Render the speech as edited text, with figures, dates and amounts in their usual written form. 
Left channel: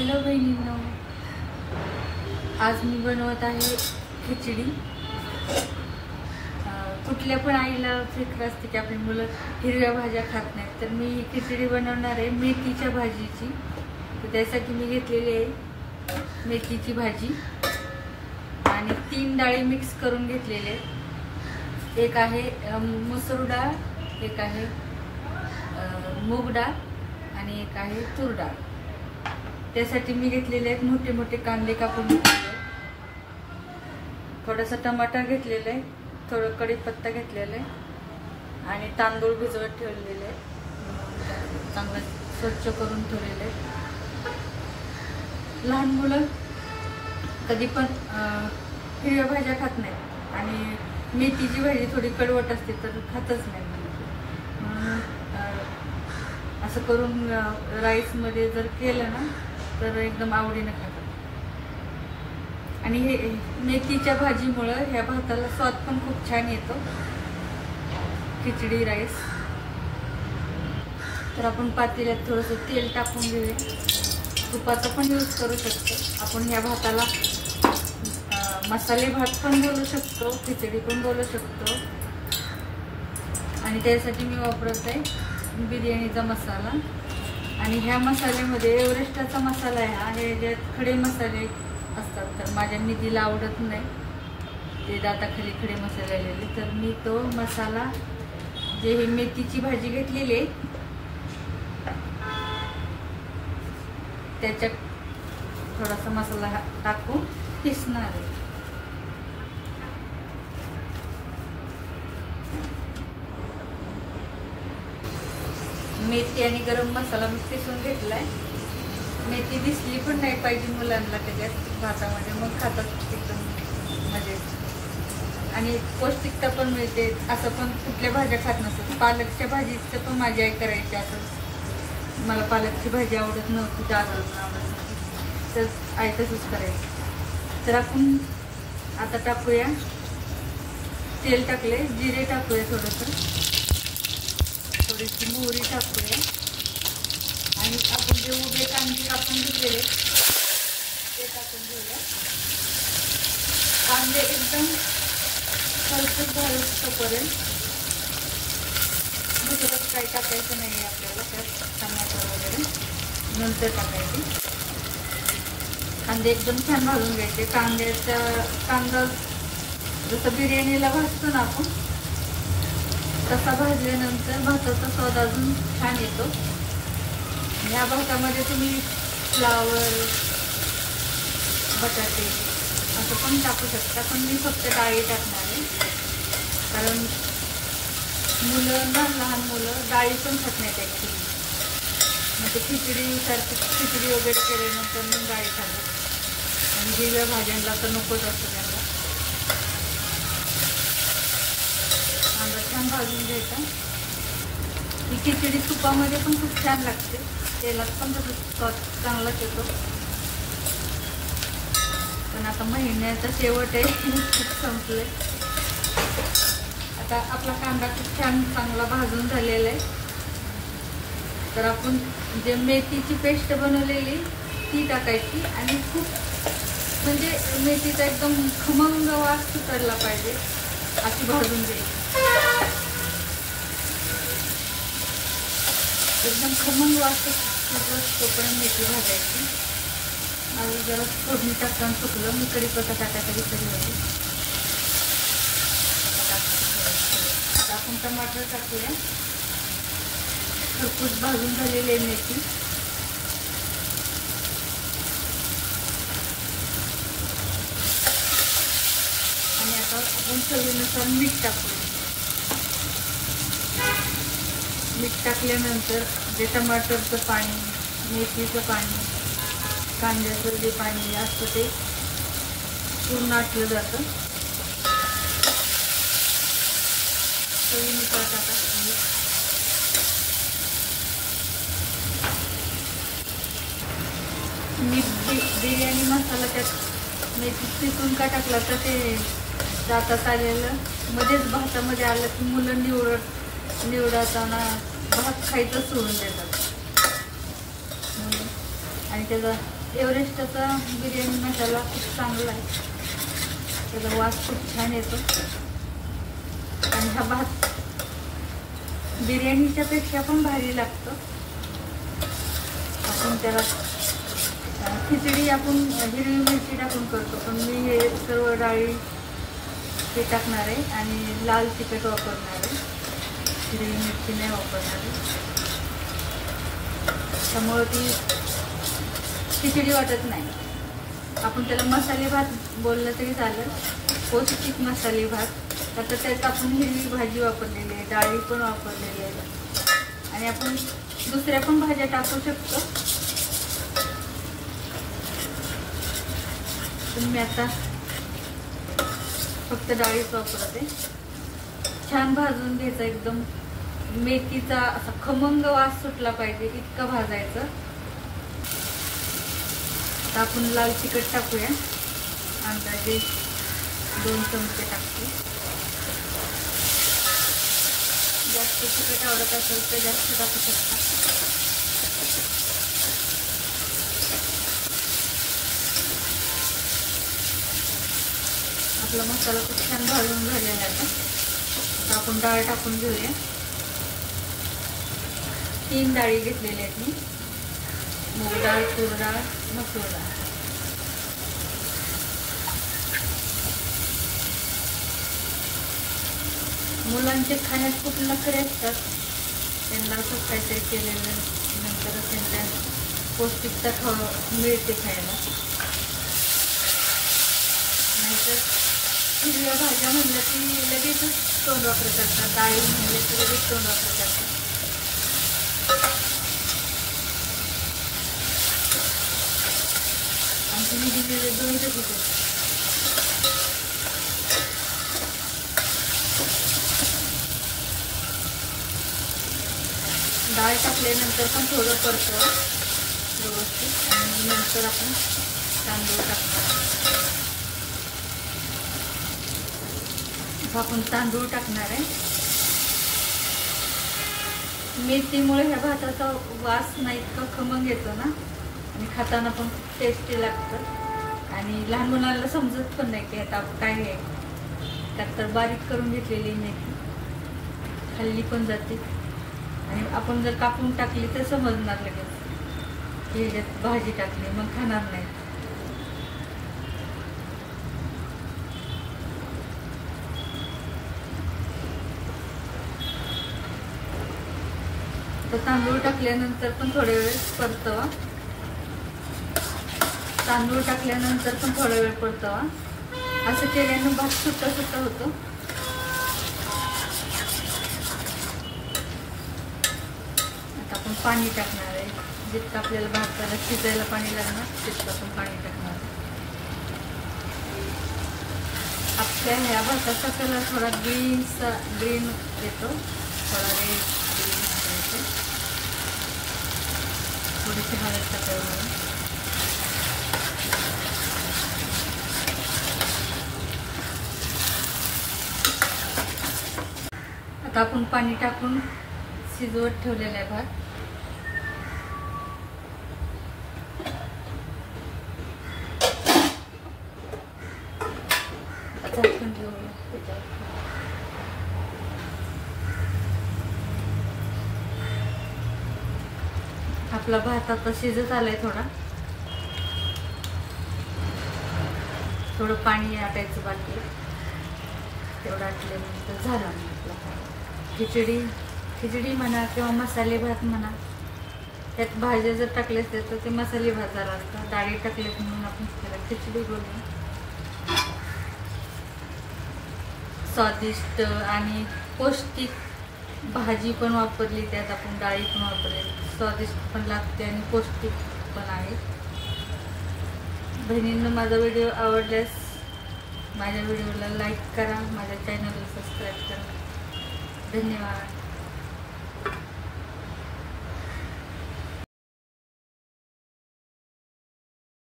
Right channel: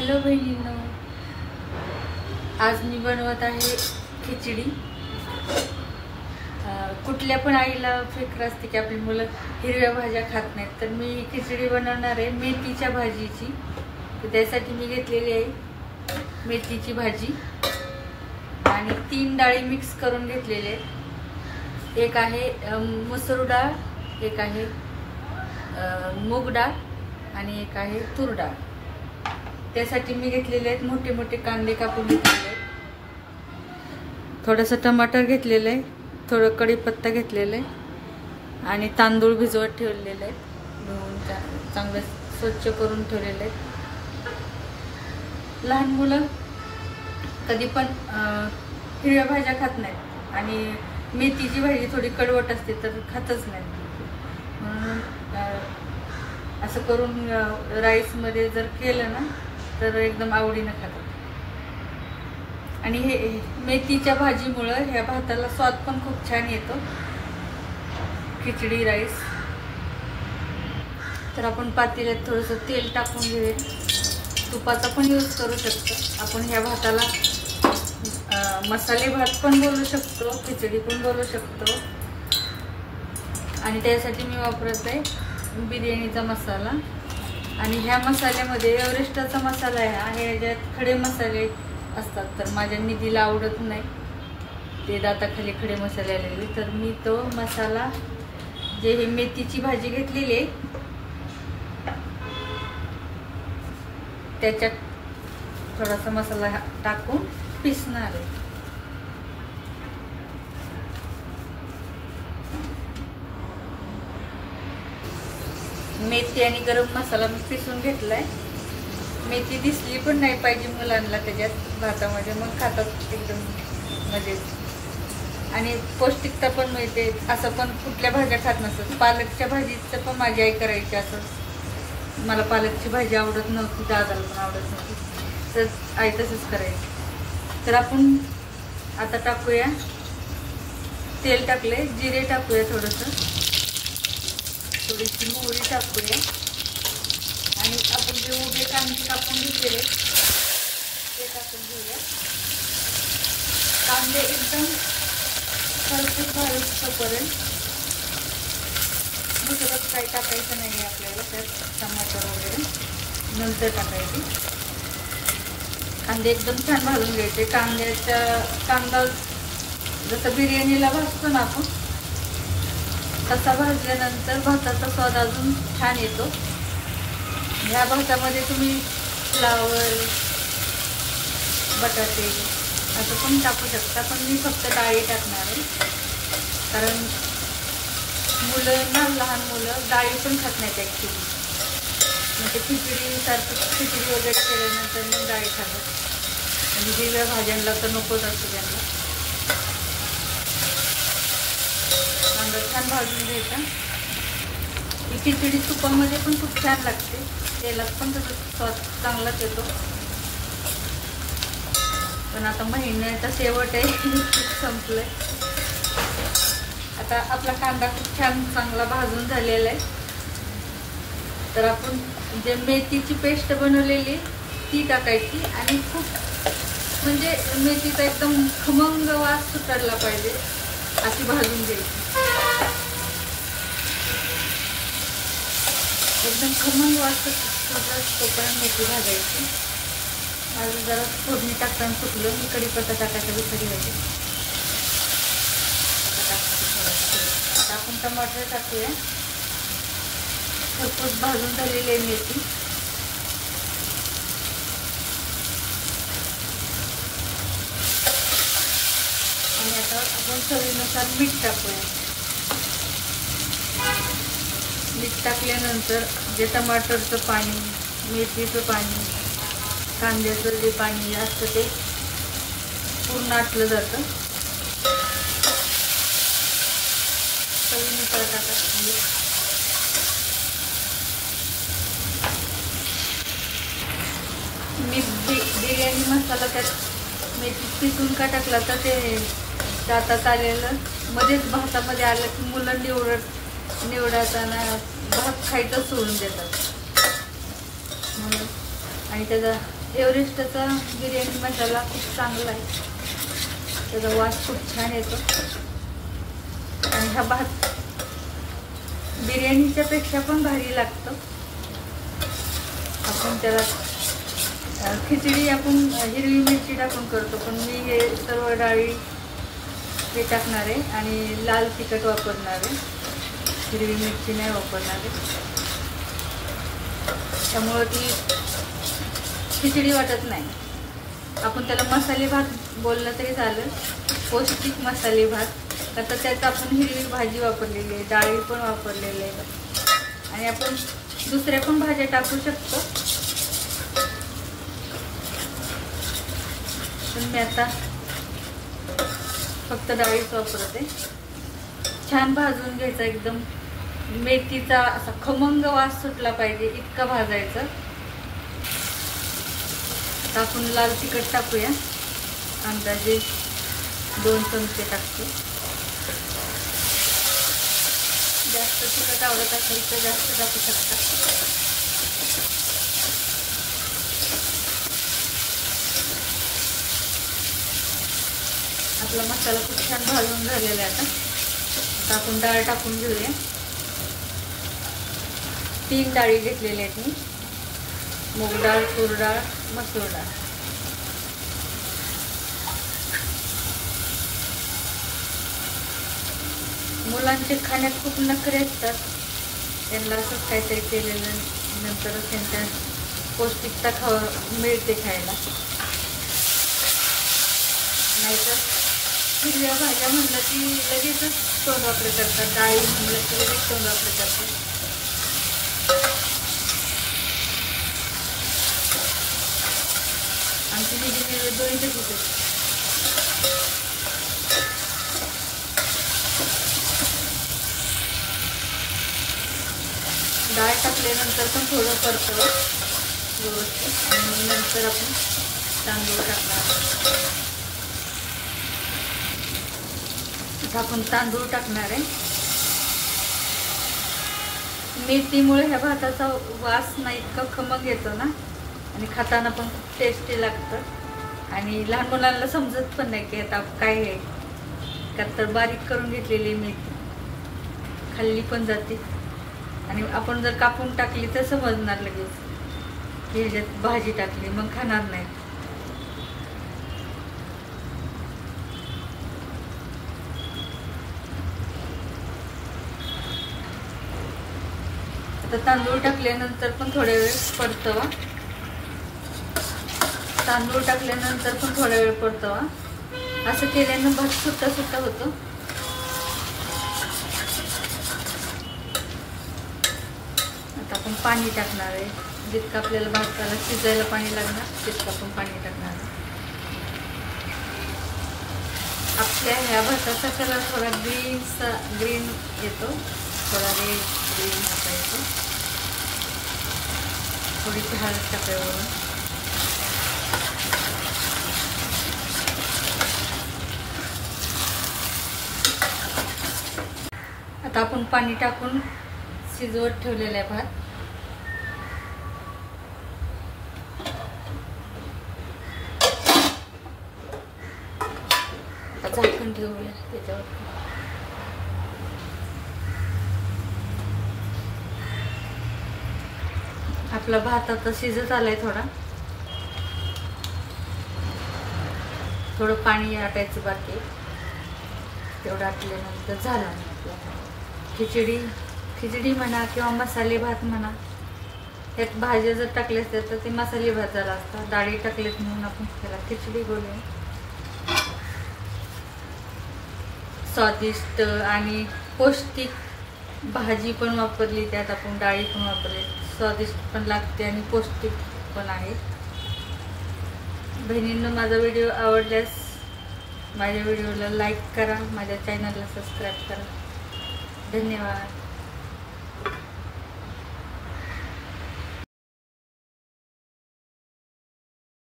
Hello बहिणींनो, आज मी बनवत आहे खिचडी। कुठल्या पण आईला फिकर असते की आपली मुलं हिरव्या भाज्या खात नाहीत, तर मी खिचडी बनवणार आहे मेथीच्या भाजीची। तर त्यासाठी मी घेतलेली आहे मेथीची भाजी आणि 3 डाळी मिक्स करून घेतलेले आहेत। एक आहे मसूर डाळ, एक आहे मूग डाळ आणि एक आहे तूर डाळ। त्यासाठी मी घेतलेले आहेत मोठे मोठे कांदे कापून घेतलेले आहेत, थोडंसं टमाटर घेतलेलं आहे, थोडं कढीपत्ता घेतलेला आहे आणि तांदूळ भिजवत ठेवलेले आहेत, धुवून चांगलं स्वच्छ करून ठेवलेले आहेत। लहान मुलं कधी पण हिरव्या भाज्या खात नाहीत आणि मेथीची भाजी थोडी कडवट असते तर खातच नाहीत, म्हणून असं करून राईस मध्ये जर केलं ना तर एकदम आवडीनं खातात। आणि हे मेथीच्या भाजीमुळे ह्या भाताला स्वाद पण खूप छान येतो, खिचडी राईस। तर आपण पातेल्यात थोडंसं तेल टाकून घेऊया, तुपाचा पण यूज करू शकतो आपण। ह्या भाताला मसाले भात पण बोलू शकतो, खिचडी पण बोलू शकतो। आणि त्यासाठी मी वापरत आहे बिर्याणीचा मसाला, आणि ह्या मसाल्यामध्ये एव्हरेस्टचा मसाला आहे, ज्यात खडे मसाले असतात, तर माझ्या निधीला आवडत नाही ते दाताखाली खडे मसाले आलेले, तर मी तो मसाला जे ही मेथीची भाजी घेतलेली आहे त्याच्यात थोडासा मसाला टाकून पिसणार आहे। मेथी आणि गरम मसाला मी पिसून घेतलाय। मेथी दिसली पण नाही पाहिजे मुलांना त्याच्यात भातामध्ये, मग खातात एकदम मजेत आणि पौष्टिकता पण मिळते। असं पण कुठल्या भाज्या खात नसत, पालकच्या भाजीचं पण माझी आई करायची। असं मला पालकची भाजी आवडत नव्हती, दादाला पण आवडत नव्हती, तर आई तसंच करायची। तर आपण आता टाकूया, तेल टाकले, जिरे टाकूया, थोडीशी मोहरी टाकूया आणि आपण जे उभे कांदे कापून घेतलेले ते टाकून घेऊया। कांदे एकदम परफेक्ट भाजूपर्यंत, दुसरं काही टाकायचं नाही आपल्याला, त्यात टमाटर वगैरे नंतर टाकायचे। कांदे एकदम छान भाजून घ्यायचे। कांदा जसं बिर्याणीला भाजतो ना आपण, तसा भाजल्यानंतर भाताचा स्वाद अजून छान येतो। या भातामध्ये तुम्ही फ्लावर, बटाटे असं पण टाकू शकता, पण मी फक्त डाळी टाकणार आहे, कारण मुलं ना, लहान मुलं डाळी पण खात नाहीत ॲक्च्युली, म्हणजे खिचडी वगैरे केल्यानंतर मग डाळी खातात आणि हिरव्या भाज्यांना तर नकोच असतं त्यांना। कांदा छान भाजून घ्यायचा। ही खिचडी तुपामध्ये पण खूप छान लागते, तेलात पण स्वाद चांगलाच येतो। पण आता महिन्याचा शेवट आहे, खूप संपलंय। आता आपला कांदा खूप छान चांगला भाजून झालेला आहे, तर आपण जे मेथीची पेस्ट बनवलेली ती टाकायची आणि खूप म्हणजे मेथीचा एकदम खमंग वास सुटायला पाहिजे अशी भाजून घ्यायची, एकदम खमंग वास सुटून मेथी भाजायची। आणि जरा फोडणी टाकताना फुटलं, मी कढीपत्ता टाकायचा विसरली होती। आता आपण टमाटर टाकूया, खूप भाजून झालेली आहे मेथी। आणि आता आपण चवीनुसार मीठ टाकूया। मीठ टाकल्यानंतर जे टमाटरचं पाणी, मेथीचं पाणी, कांद्याचं जे पाणी असतं ते पूर्ण आटलं जातं। चवीनुसार टाका। मी बिर्याणी मसाला त्यात मेथी पिसून का टाकला तर ते दातात आलेलं, मध्येच भातामध्ये आलं की मुलं निवडताना भात खायचं सोडून देतात, आणि त्याचा एव्हरेस्टचा बिर्याणी मसाला खूप चांगला आहे, त्याचा वास खूप छान येतो. आणि हा भात बिर्याणीच्या पेक्षा पण भारी लागतं. आपण त्याला खिचडी आपण हिरवी मिरची टाकून करतो, पण मी हे सर्व डाळी हे टाकणार आहे आणि लाल तिखट वापरणार आहे, हिरवी मिरची नाही वापरणार आहे. त्यामुळं ती खिचडी वाटत नाही. आपण त्याला मसाले भात बोललं तरी चालेल, पौष्टिक मसाले भात. आता त्यात आपण हिरवी भाजी वापरलेली आहे, डाळी पण वापरलेली आहे आणि आपण दुसऱ्या पण भाज्या टाकू शकतो. पण मी आता फक्त डाळीच वापरते. छान भाजून घ्यायचा, एकदम मेथीचा असा खमंग वास सुटला पाहिजे इतका भाजायचं. आता आपण लाल तिखट टाकूया, अंदाजे 2 चमचे टाकते. जास्त तिखट आवडत असेल तर जास्त टाकू शकता. आपला मसाला खूप छान भाजून झालेला आहे. आता आपण डाळ टाकून घेऊया. 3 डाळी घेतलेल्या आहेत मी, मूग डाळ, तूर डाळ, मसूर डाळ. मुलांचे खाण्यात खूप नखरे असतात, त्यांना असं काहीतरी केलेलं नंतर त्यांच्या पौष्टिकता मिळते खायला. नाहीतर हिरव्या भाज्या म्हणलं की लगेचच तोंड वापरत करतात, डाळी म्हणलं की लगेच तोंड वापरत करतात. आमची निधी दोन्हीच होते. डाळ टाकल्यानंतर पण थोडं परतवं व्यवस्थित आणि नंतर आपण तांदूळ टाकणार. आपण तांदूळ टाकणार आहे. मेथीमुळे ह्या भाताचा वास नाही इतका खमंग येतो ना, आणि खाताना पण खूप टेस्टी लागतं. आणि लहान मुलांना समजत पण नाही की आता काय आहे, का तर बारीक करून घेतलेली मेथी खाल्ली पण जाते. आणि आपण जर कापून टाकली तर समजणार लगेच की ह्याच्यात भाजी टाकली, मग खाणार नाही. तर तांदूळ टाकल्यानंतर पण थोड्या वेळ परतवा. तांदूळ टाकल्यानंतर पण थोडा वेळ परतवा. असं केल्यानं भात सुट्टा सुट्टा होतो. आता आपण पाणी टाकणार आहे, जितकं आपल्याला भाताला शिजायला पाणी लागणार तितकं आपण पाणी टाकणार आहे. आपल्या ह्या भाताचा कलर थोडा ग्रीन येतो, थोडा रेड ग्रीन येतो. थोडीशी हळद टाकायला. आता आपण पाणी टाकून शिजवत ठेवलेला आहे भात. झाकण ठेवूया त्याच्यावर. आपला भात आता शिजत आलाय. थोडं पाणी आटायचं बाकी, तेवढं आटल्यानंतर झाला आपला खिचडी म्हणा किंवा मसाले भात म्हणा. त्यात भाज्या जर टाकल्या असत्या तर ते मसाले भात झाला असता. डाळी टाकल्यात म्हणून आपण त्याला खिचडी बोलूया. स्वादिष्ट आणि पौष्टिक भाजी पण वापरली, त्यात आपण डाळी पण वापरली. स्वादिष्ट पण लागते आणि पौष्टिक पण आहे. बहिणींना माझा व्हिडिओ आवडल्यास माझ्या व्हिडिओला लाईक करा, माझ्या चॅनलला सबस्क्राईब करा. धन्यवाद.